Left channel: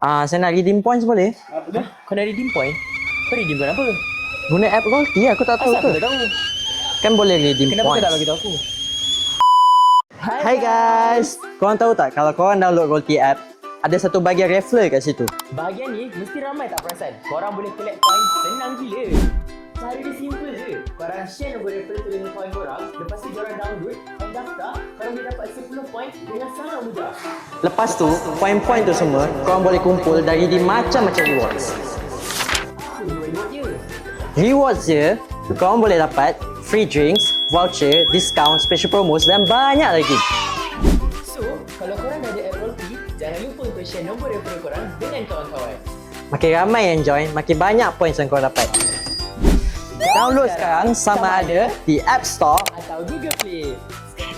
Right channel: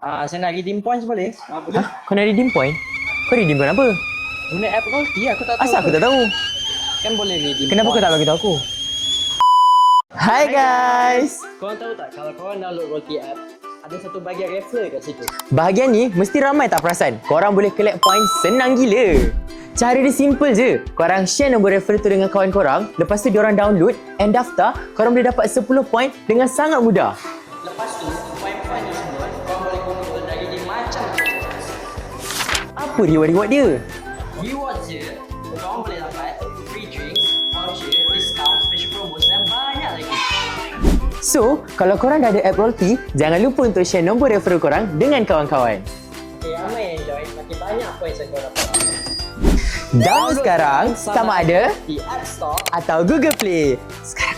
Saya nak redeem points boleh? Boleh. Kau nak redeem point? Kau redeem point apa? Guna app Rollty, aku tak tahu. Asal aku tak tahu? Kan boleh redeem Kenapa points. kau tak bagi tahu aku? Hai guys! Korang tahu tak kalau korang download Rollty app, ada satu bahagian referral kat situ. Bahagian ni mesti ramai tak perasan. Korang boleh collect points senang gila. Cara dia simple je. Korang share nombor referral tu dengan kawan korang, lepas tu diorang download and daftar, korang boleh dapat 10 point dengan sangat mudah. Lepas tu, poin-poin tu semua korang boleh kumpul dari di macam-macam rewards. Apa reward-reward dia? Rewards je, korang boleh dapat free drinks, voucher, discount, special promos dan banyak lagi. So, kalau korang dah ada app Rollty, jangan lupa untuk share nombor referral korang dengan kawan-kawan. Makin ramai yang join, makin banyak points yang korang dapat. Download sekarang sama ada di App Store atau Google Play. Sekarang.